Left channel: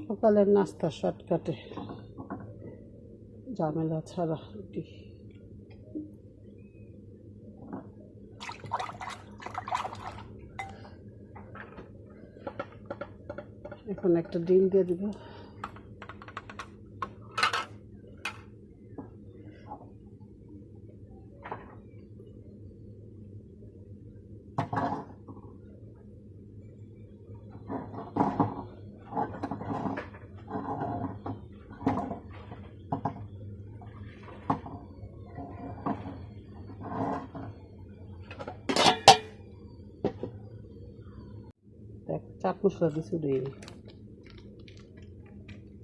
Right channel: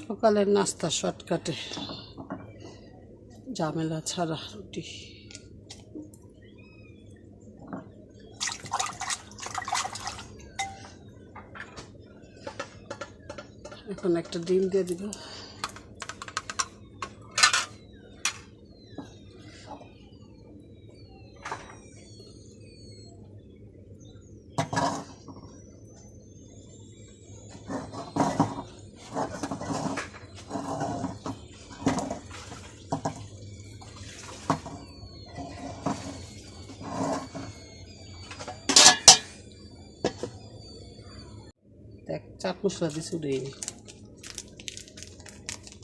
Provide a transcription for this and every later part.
সকালের নাস্তা শর্টকাটে, ঝামেলা ছাড়া রুটি। এখন একটা ডিম দিয়ে দিব। দেখ চাট মশলা দিছি, দিইনি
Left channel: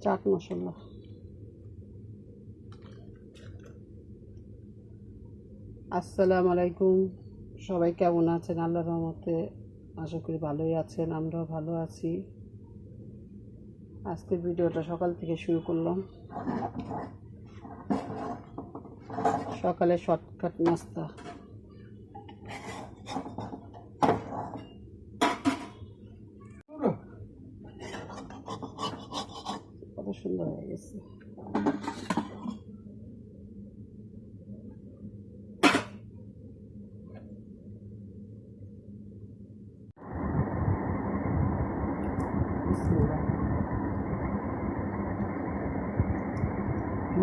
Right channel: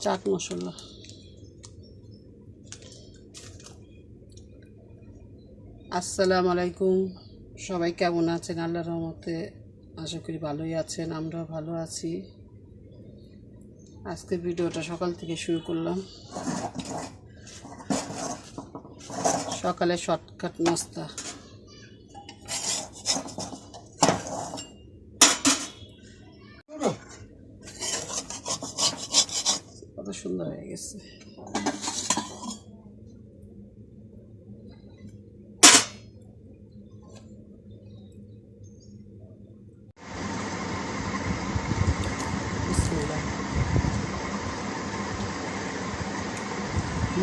চাট মশলা। আসসালামু আলাইকুম, সবাই কেমন আছেন? আল্লাহর রহমতে আশা করি ভালোই আছেন, আমরাও ভালো আছি। আজকের ভিডিওটা সকাল থেকে শুরু করলাম। সকালে শর্টকাট নাস্তা। কত সুন্দর হয়ে গেছে।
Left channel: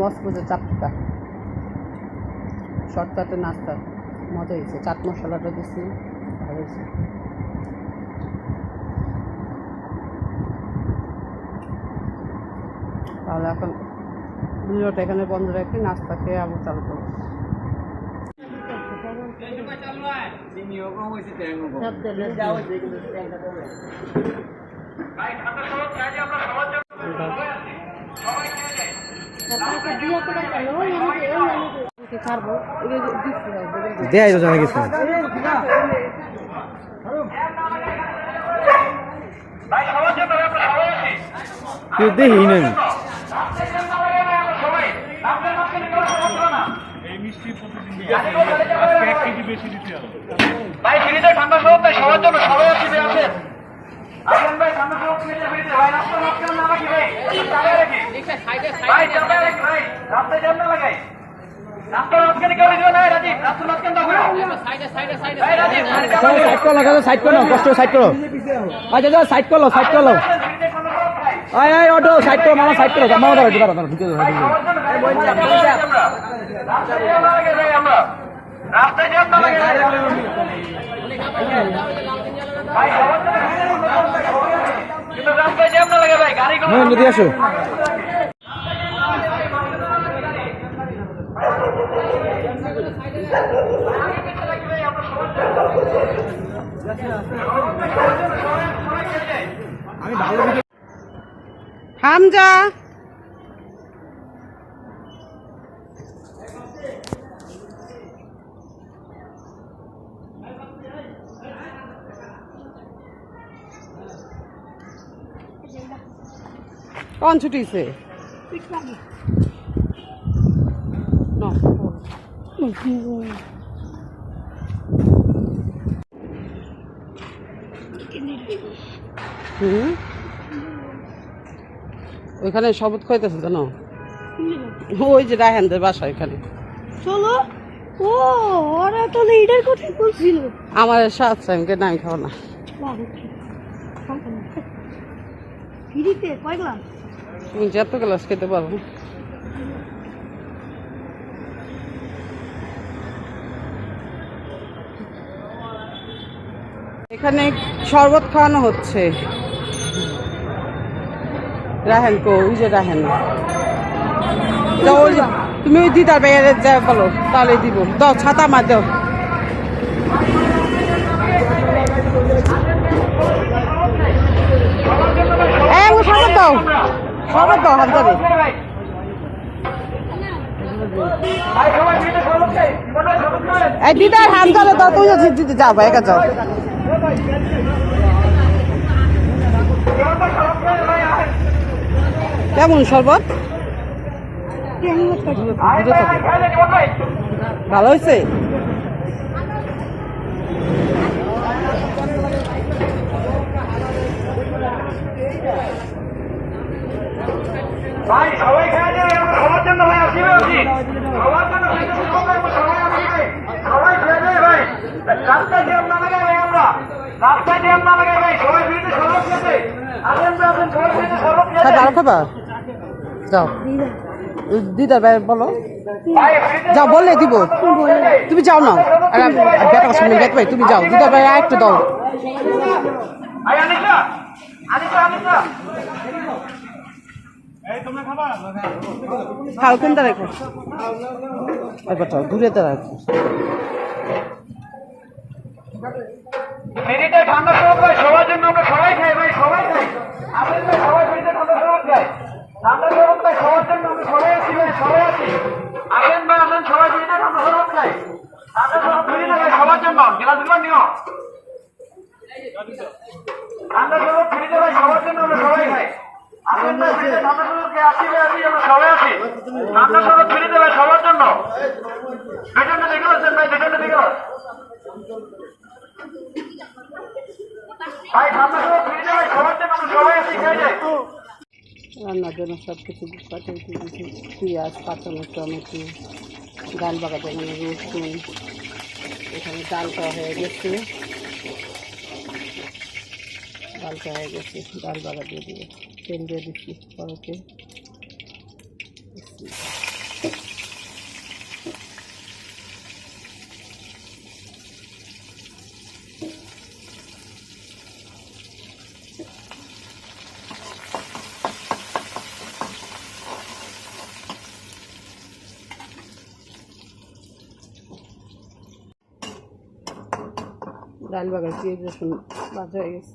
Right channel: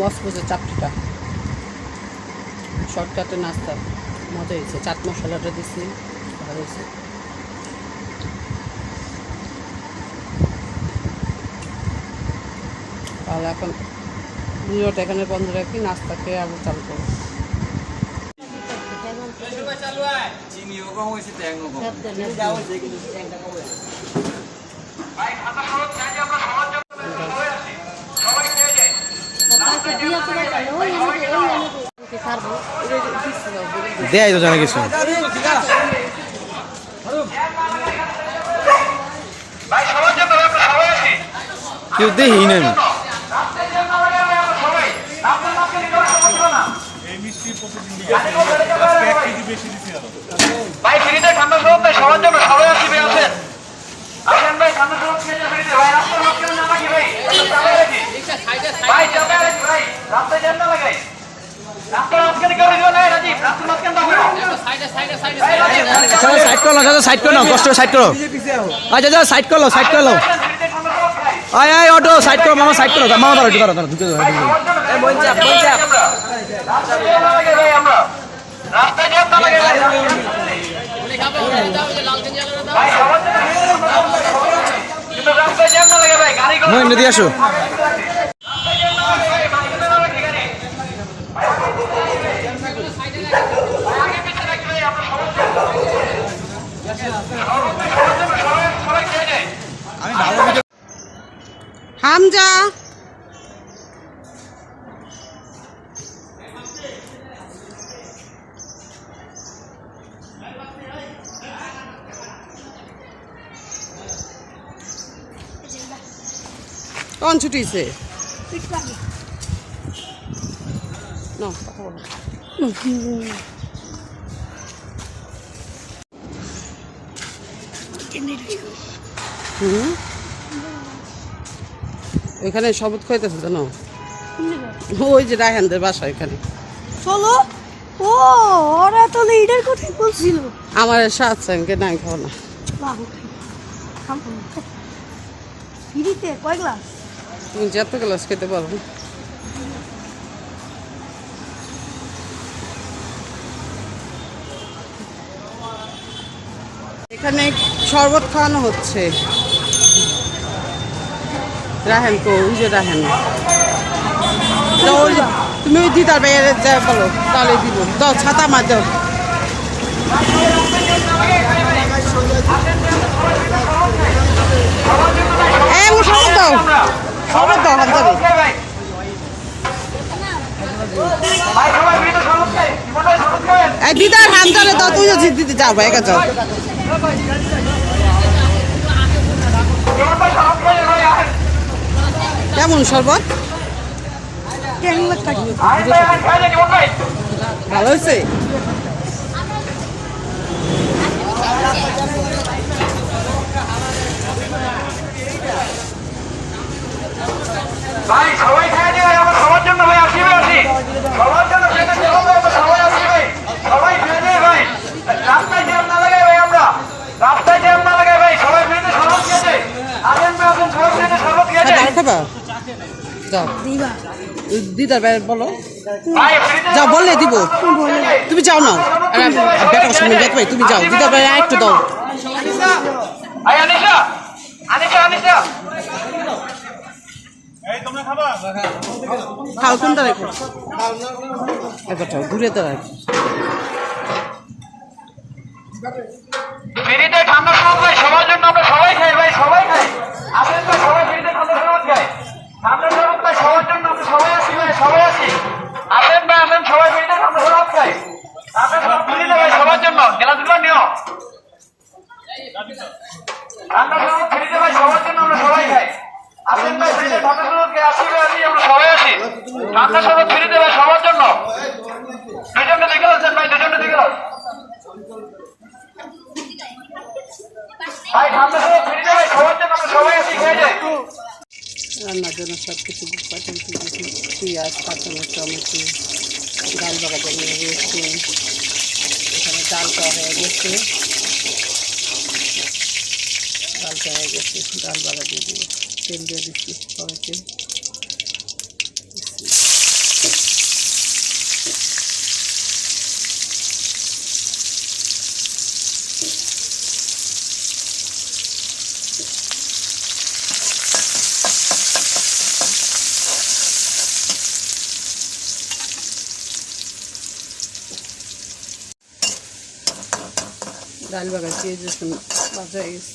মসমসে চাপটিটা শর্টকাটে নাস্তা মজা হয়েছে। চাট মশলাটা দিচ্ছি, ভালো হয়েছে। তাহলে এখন ভিডিওটা এখানে বন্ধ রাখি, নাস্তা খেয়ে আবার চালু করবো। দেয় তো জানা কিছু কেউ দেখি না। ভাই ফ্রিতে ঠান্ডা শরবত নাই সবার জন্য, সবাই আসবে আছেন। আসেন ভাই ঠান্ডা শরবত খেতে ফ্রিতে ভাই, রাস্তা রোদ কেন না রাখি ভাই, চালায় রাখি ভাই, চালায় রাখি ভাই, রাস্তায় জ্যাম না লাগাই। রাস্তা রোদ কেন কেউ রাখবে না রাজীব, রাস্তা রোদ কেন রাখবে সাইড করো, সাইড করো, কষ্ট সাইড করো। আচ্ছা সাইড করো, সাইড করো। আয় আয় অটো সাইড করো, মামা সাইড করো, মামা ধরো ধরো ধরো ঢুকে ধরো। রাস্তায় জ্যাম না লাগাই ভাই, আমরা রাস্তায় জ্যাম না লাগাই ভাই, সবার জন্য কিন্তু রাস্তায় জ্যাম না লাগাই ভাই, গাড়িগুলো নদী আসো। হামজা কখন ছুটিছে? এখানে শপথ খাইতেছে জানো, ওই যে রায়হানদের বাসা এখানে। চলো, ও ওরা তো লিডার কোথায় বলছিল আমার সাথে আমি কেন আমি খাবো না। ফ্রিতে কয় গ্লাস? তুমি যত গ্লাস খেতে পারো। এখানে শরবত খাওয়ানো হচ্ছে। রাহেন তো ওই যে রাহেন, তুমি ওই দিদার বাইরে যাই বলো, তাহলে দিব। দাও ছাতা মার দাও। শরবত দাও, শরবত দাও হাত যাবে। এই দিদার হাত ধরে দাও, তুই দিদি যাও ভাই, একা যাও। কেমন শরবত? ভালো হয়েছে। খাবা? যাও দিবা দিদার ভাই বলো, ভাই ফ্রিতে যাও বললে দিব। তুমি যাও না, আর বেটার সামনে যেতে তুমি যাও, দিদার ভাই একটু দাও। ভাই আনিশা আনিশা আনিশা খাও কোনটা রেখো, একবার ঘুরে তো রাখো। ফ্রিতে ঠান্ডা শরবত ভাই সবার জন্য, আমরা সবাই খাই ভাই, সবাই খাই। আসেন ভাই সবাই ফ্রিতে ঠান্ডা শরবত খাই। ঠান্ডা শরবত ভাই সবার জন্য, আমরা সবাই আছি ভাই, সবাই আছি। আসেন ভাই আসেন, সবাই ফ্রিতে ঠান্ডা শরবত খাই। ঠান্ডা শরবত ফ্রিতে ভাই সবার জন্য, খেলাধুলা নিও। ঠান্ডা শরবত ফ্রিতে ভাই সবার জন্য, আমরা সবাই খাই। আসেন ভাই ফ্রিতে ঠান্ডা শরবত খাই, আসি ভাই আসি, আমরা সবাই আছি। ঠান্ডা শরবত ফ্রিতে ভাই সবার জন্য। দুজনে দেখে আছেন ভাই, দুজনে দেখে ভাই ঠান্ডা শরবত ফ্রিতে ভাই সবার জন্য, আমরা সবাই আছি, খেয়ে যাই। রান্নার জন্য সব কিছু কাটাকুটি দিয়েছি, পেঁয়াজ, কাঁচামরিচ, টমেটো, ডাল বাগার জন্য রসুন, এখানে ডালটা হয়ে গেছে, ডালটা হয়ে গেছে, ডাল বাগা দিয়ে দিব, তেল দিয়ে দিচ্ছি কড়াইতে। ডাল বাগার পেঁয়াজ রসুন ভাজা হয়ে গেছে।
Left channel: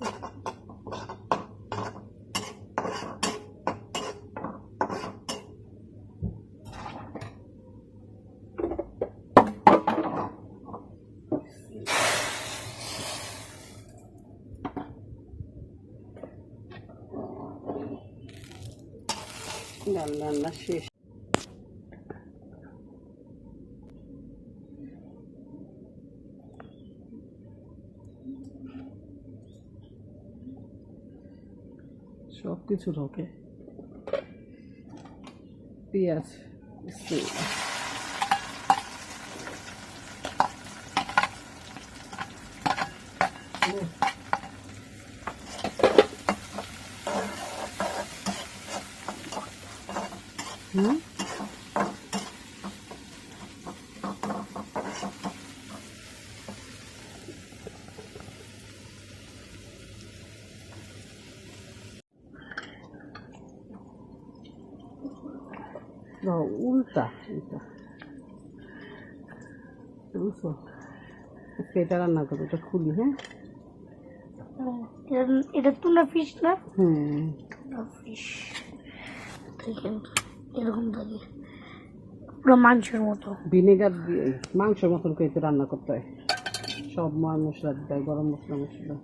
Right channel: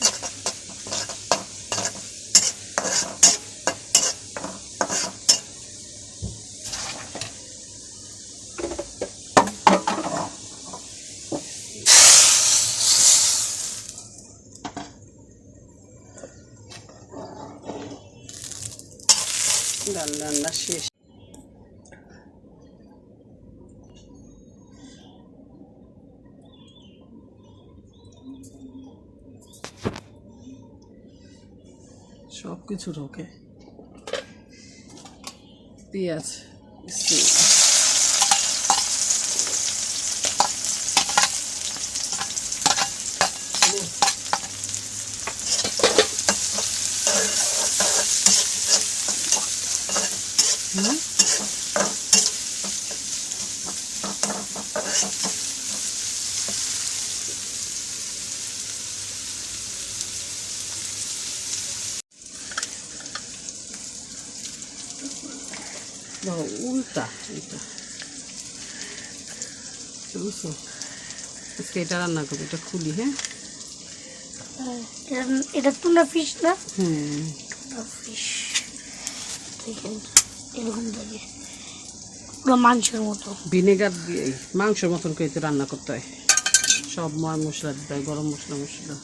ডাল রান্না শেষ। সব কিছু ঢোকে, পেঁয়াজ, উল্টা এটা বুঝছো, আজকে এটা রান্না করবো, এটা খুলি। হ্যাঁ এটা টুনা ফিশ না? হুম, টুনা ফিশ এরকম থাকে, পুরো মাংসের মতো। ভিনেগার দিয়ে মাংসের মতন করে রান্না করতে হয়, সব ময় মশলা দিতে হয়, গরম মশলা মশলা।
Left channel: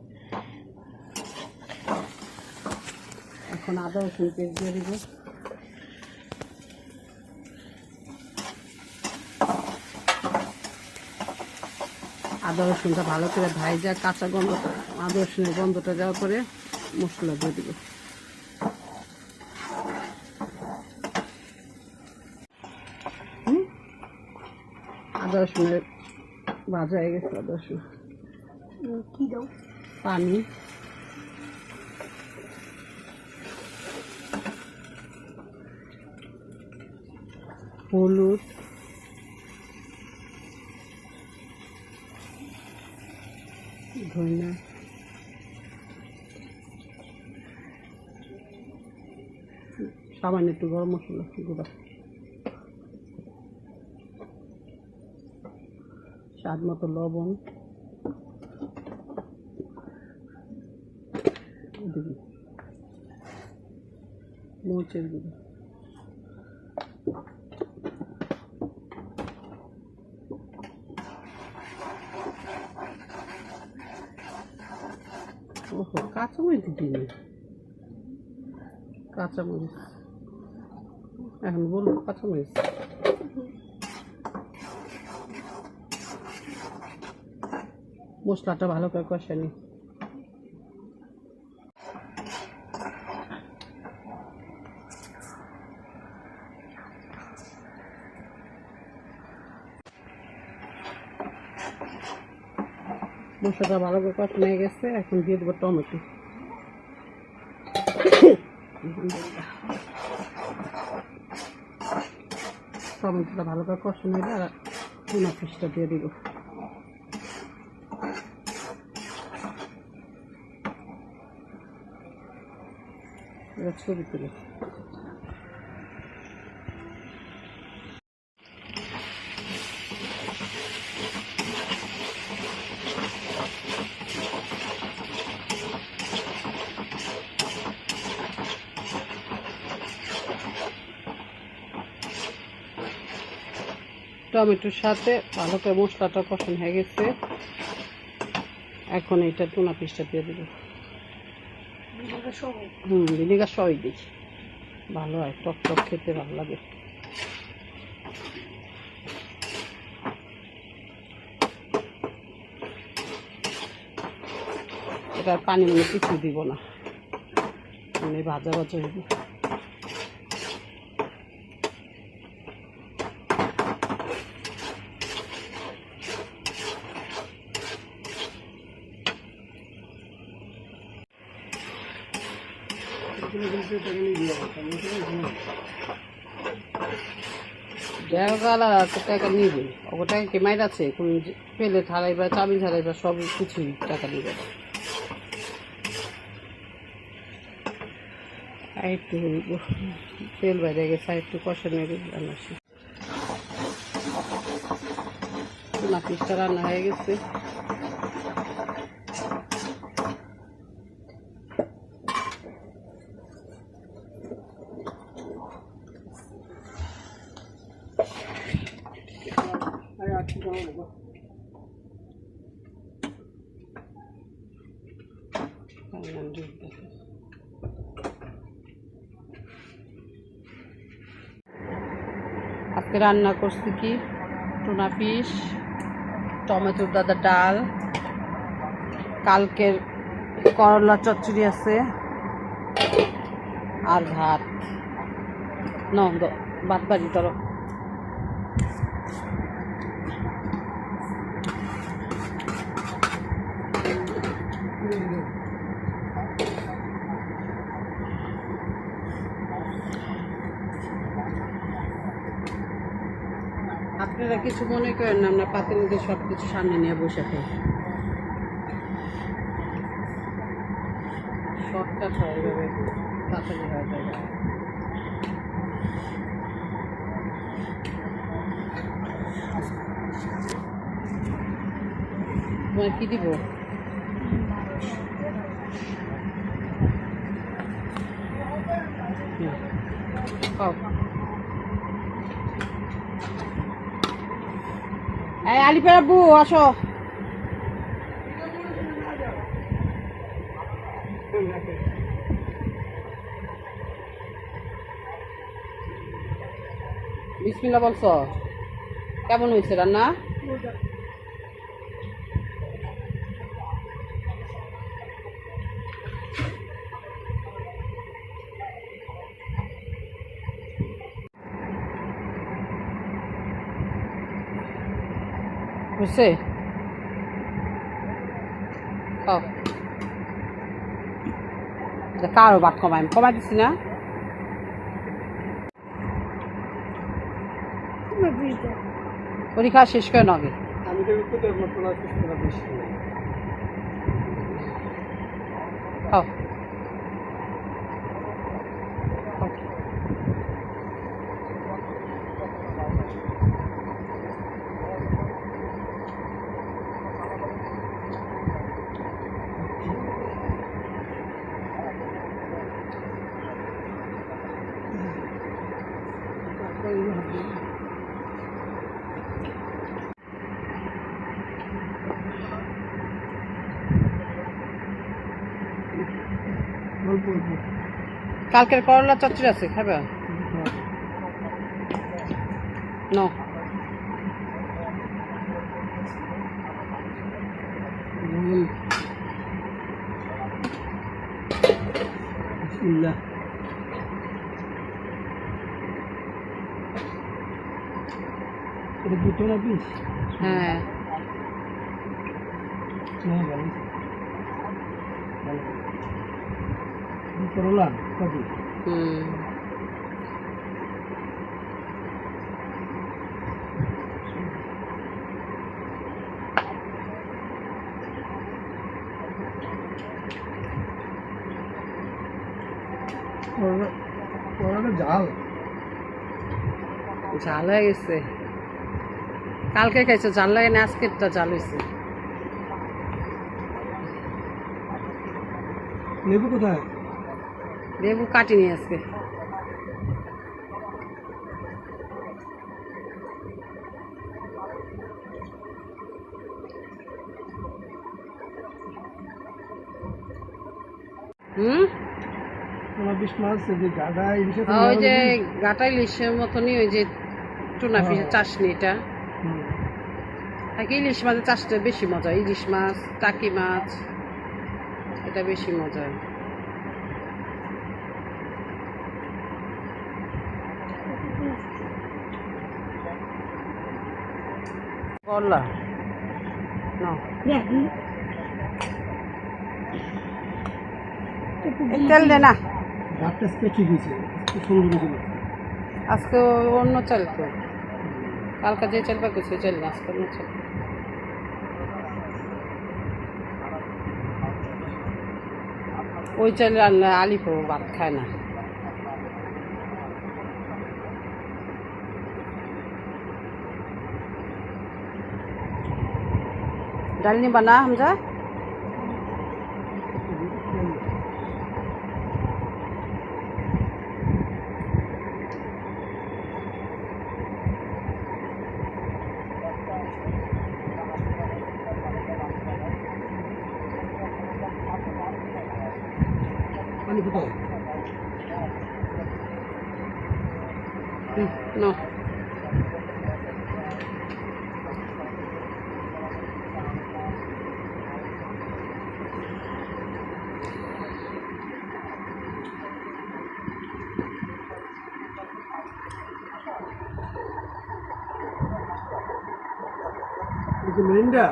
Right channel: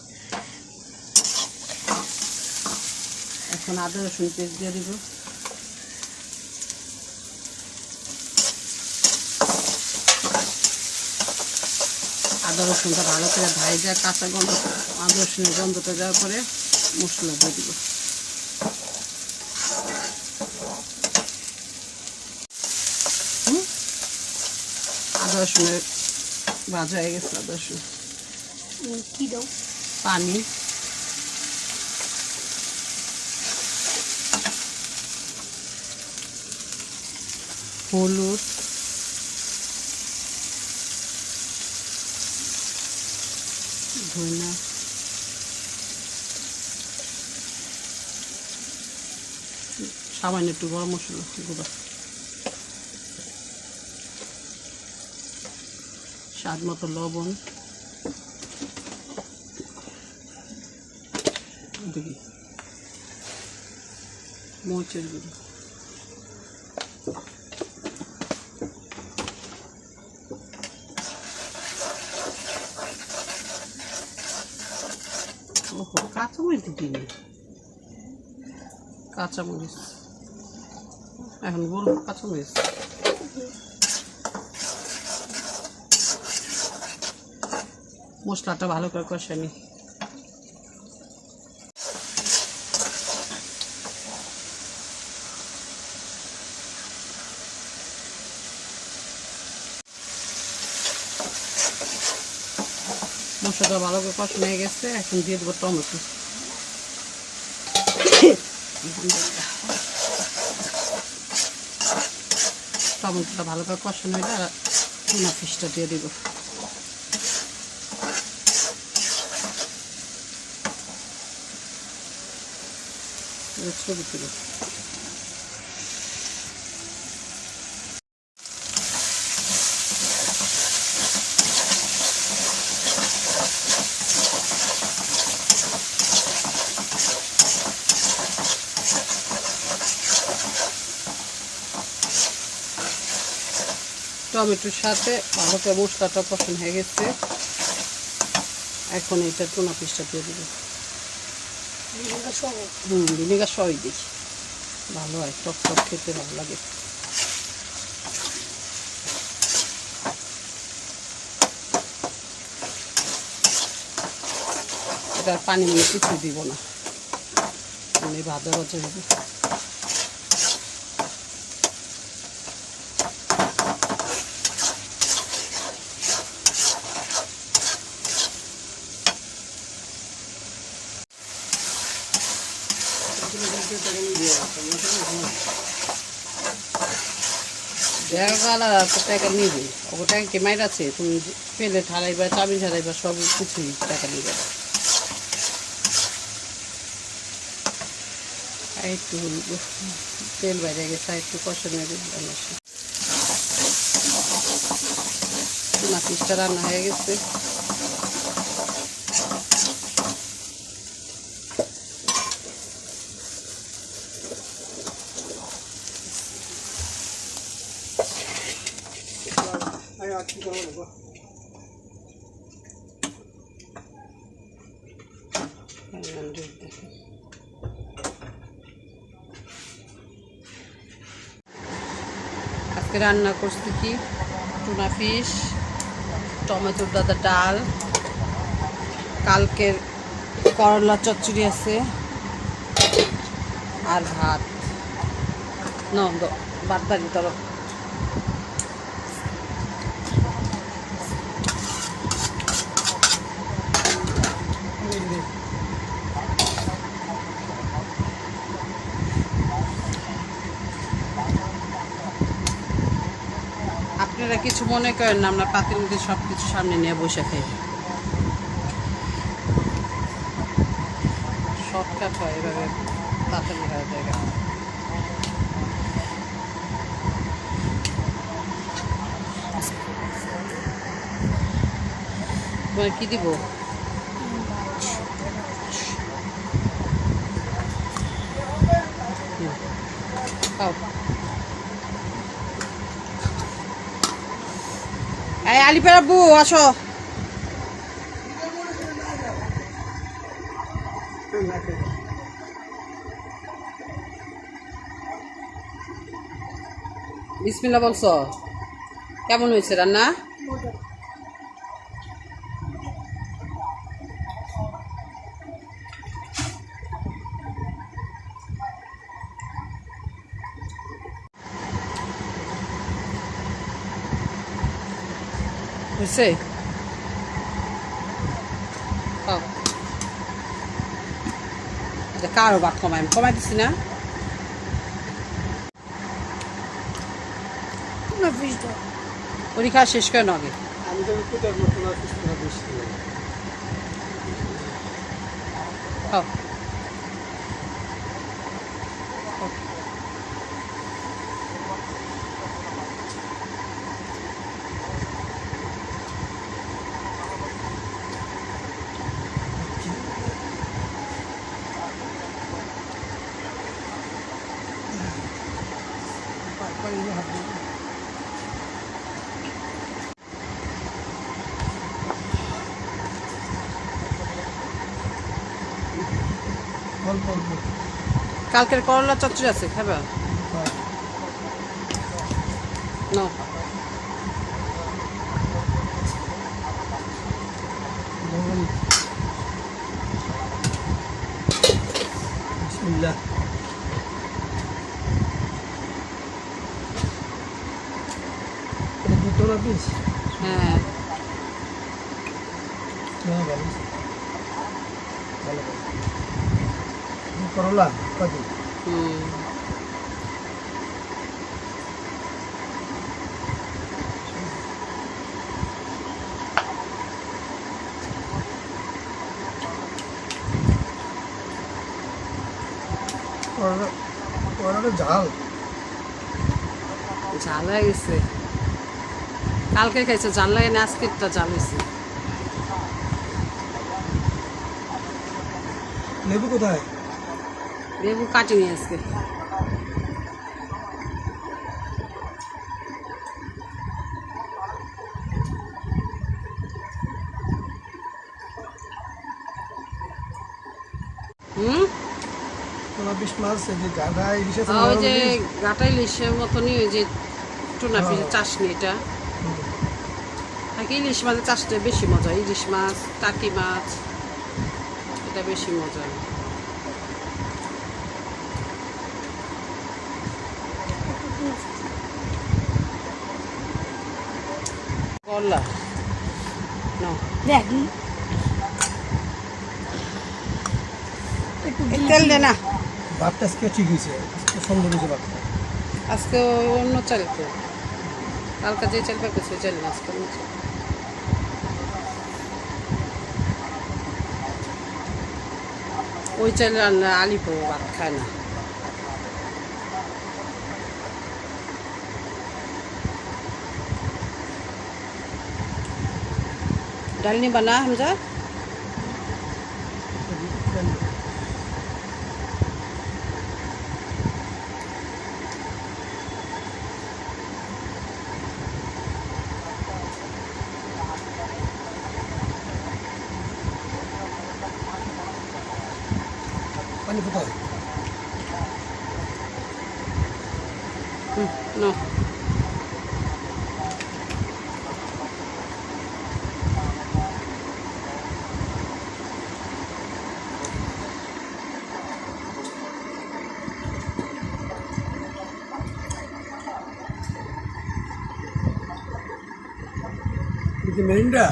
এখন আদা রসুন পেস্ট দিয়ে দিব, আদা রসুনটা ভালো করে ভাজা, কাঁচা গন্ধ, আদা রসুনের গন্ধটা যাওয়ার পরে মশলা দিয়ে দিব। আদা রসুনের ভাজা হয়ে গেছে, আদা রসুন কি দাও? পানি, হলুদ, ধনিয়া, সামান্য একটু গরম মশলা গুঁড়া, স্বাদ মতো লবণ, দেখি মরিচের গুঁড়ো, ওহো কাঁচামরিচ দিইনি, কাঁচামরিচ এখন বলবো কাঁচামরিচ। মশলাটা ভালো করে কষানি, মশলাটা ভালো করে কষানো হয়ে গেছে, এখন দিয়ে দেবো টমেটো। টমেটোটা ভালো করে কষানো হইলে আর টুনা ফিশটা দিয়ে দিব। ছবি তুলো। টমেটোর সাথে ভালো করে মশলাটা কষানো হয়ে গেছে, এখন এইটা টুনা পিসটা দিয়ে দেবো। ভিনেগার সবই দিই, ভালো হয়, টক টক খেতে ভালো লাগে। এটা পানি মানে কিছুই দিব না, মানে ভাজা ভাজা দিব। টাকা নিবে, ওকে টাকা কে মাইর আছে, তুমি পেলে ঠাড়াইবা, চাবি ছাড়াইবা, সব কিছুই টাকা নিবে। একটু তেল বাইরে গেছে, একটু কষা নিয়ে দিলাম। টুনা পিসটা রান্না হয়ে গেছে। আজকে রান্না করছি কি, টুনা ফিশ, টমেটোর দাদা ডাল, কালকের করলা চচ্চড়ি আছে, আর ভাত। ভাত বাড়ি ধরো। আপনারা কিছু মনে করেন না, আমরা পাতির মধ্যে সব কিছু সামনে নিয়ে বসে খাই। শর্টকাট হয় এভাবে, তাড়াতাড়ি হয়ে যায়। কি দিব? এই আলিপের আব্বু আসো। বিসমিল্লাহ বলছো, কেমন হয়েছে রান্না? হয়েছে? কারো ভাত কমাই দিছি না। পরীক্ষা শেষ করে আগে। কালকের করলা চচ্চড়ি আছে, খাবে? নো বিসমিল্লাহ। হ্যাঁ, করলা কত? ঝাল ঝাল হয়ে গেছে। কালকে খাইছে ঝাল লাগে না, আজকেরটা ঝাল হয়েছে। লেবু কোথায়? লেবু কাটিনি আজকে। হুম, বিশ মাছ যে গাদা ইলিশ আছে ওই যে গাটা ইলিশের মতনই ওই যে টুনা পিসের চাশনি, এটা ইলিশ মাছের চাষটা বেশি মজা। ইলিশ মাছ, টাকি মাছ, এটা বেশি মজা। করলা না দেখি তেল দে না। ভাতটা আজকে ঠিক হয়েছে, সুন্দর হয়েছে ভাত। আজকে অন্য চাল তো, কালকে যে চাল পাক ওই চাল না, আজকে অন্য চাল। ওই চাল রান্না আলিপো ভাত খায় না। ডাল নিবা না হামজা? পানি কোথায়? No. মেরিন্ডা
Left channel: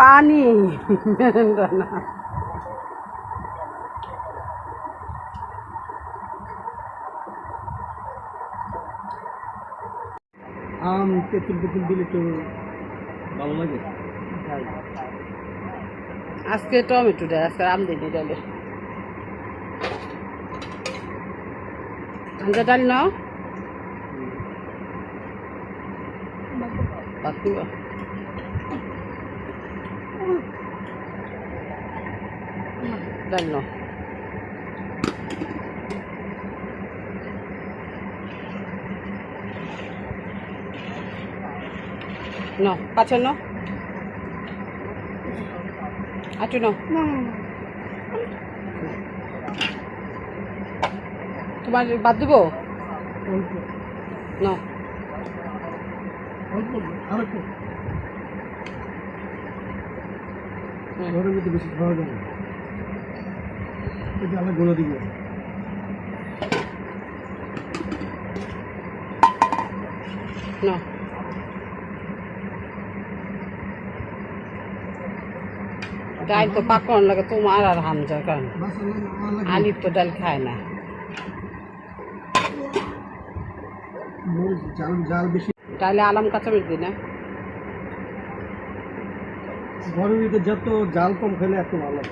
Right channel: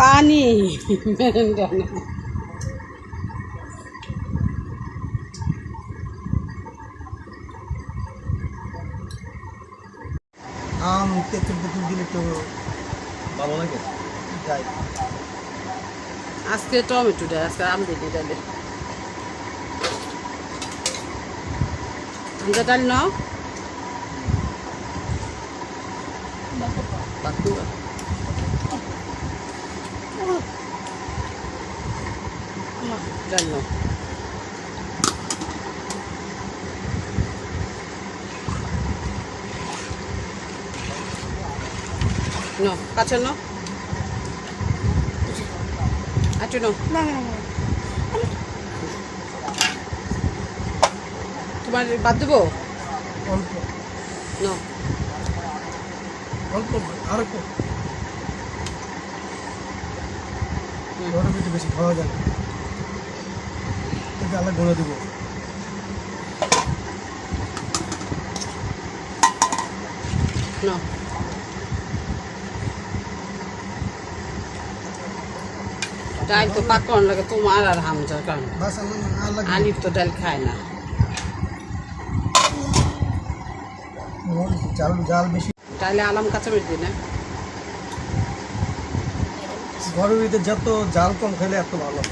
পানি মেরেন্ডা না। আম তেঁতুল তেঁতুল দিলে তো ভালো লাগে। যাই আজকে টমেটো ডাল, আজকে আম দিই ডালে। হামজা ডাল নাও, বাতুয়া ডাল নাও। No, কাঁচা নাও, আটু নাও। না না না তোমার বাদ দেবো? অল্প নাও। অল্প আর একটু গরমের ভিতরে বেশি খাওয়া যায় না, এটা আলাদা গুঁড়ো দিব। নাও। ডাল তো পাকন লাগে তোমার আর হামজার কারণে। বাস আর লাগবে আলিফ তো ডাল খায় না। মরিচ জাল জাল বেশি। ডালে আলাম কাঁচামরিচ দিই না। ঘরের ভিতরে যত জাল কম খেলে এত ভালো,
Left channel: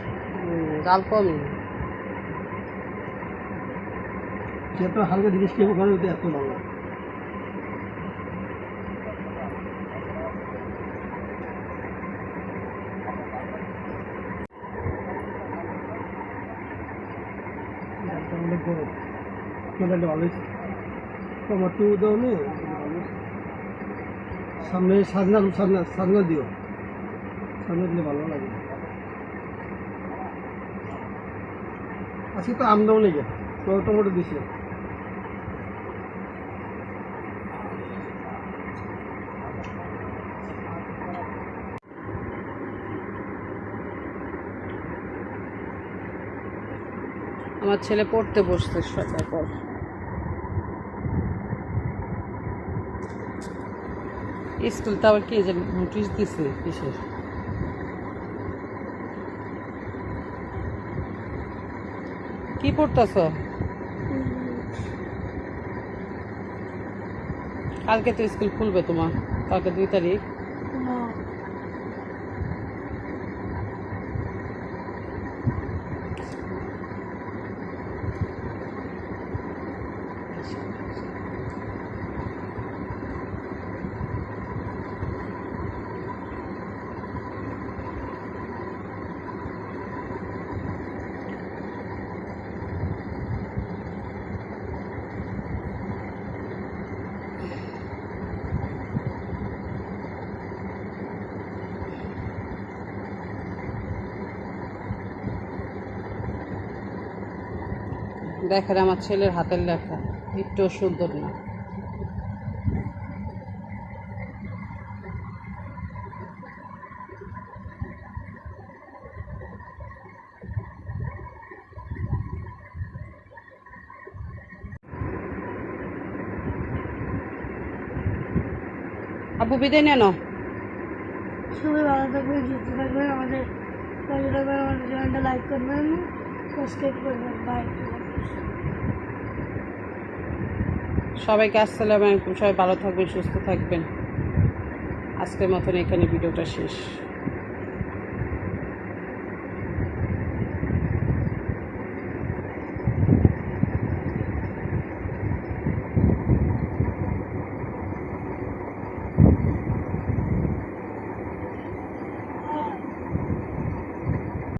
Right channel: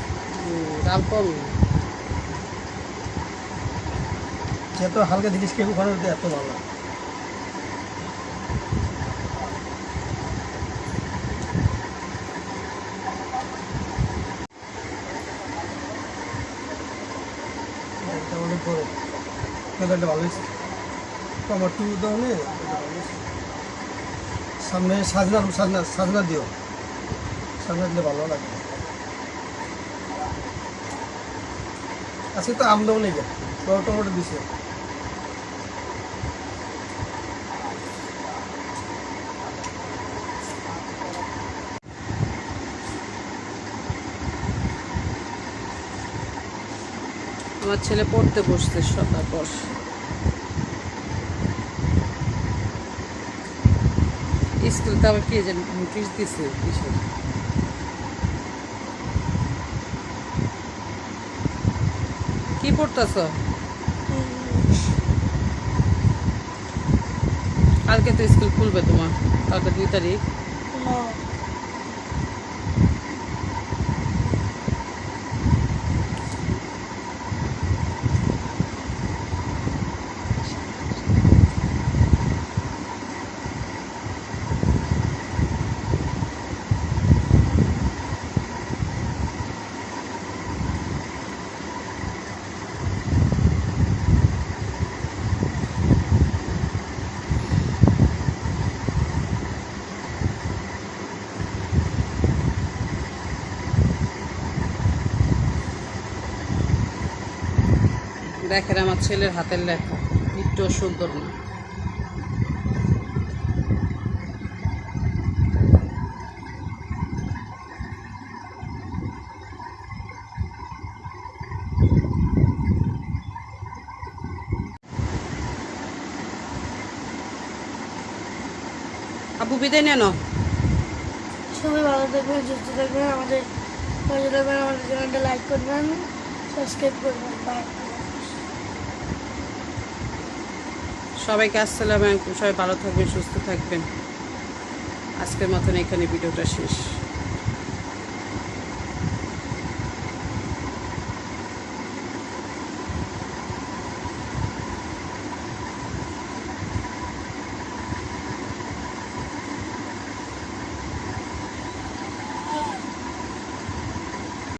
ডাল কমই। যত হালকা জিনিস খেয়ে ঘরের ভিতরে এত ভালো। এটা অনেক গরম, খেলাটা ভালো হয়েছে। টমাটো দাও নে, সামনে সাজনা সাজনা সাজনা দিও, সাজনা দিলে ভালো লাগে। আজকে তো আম দাও নেই, বড় টমেটো দিছে। আমার ছেলে পড়তে বসছে তারপর। স্কুল তো আবার কি যে নোটিশ দিছে কিসের? কি পড়তেছ? কালকে তো স্কুল খুলবে তোমার, কালকে 2 তারিখ। না দেখেন আমার ছেলের হাতের লেখা একটু সুন্দর না। আপু বিদায় নেন। সবাই ভালো থাকবেন, সুস্থ থাকবেন, আমাদের পাশে থাকবেন, আমাদের চ্যানেলটা লাইক করবেন, সাবস্ক্রাইব করবেন। বাই। সবাইকে আসসালামু আলাইকুম। সবাই ভালো থাকবেন, সুস্থ থাকবেন। আজকের মতন এখানে ভিডিওটা শেষ।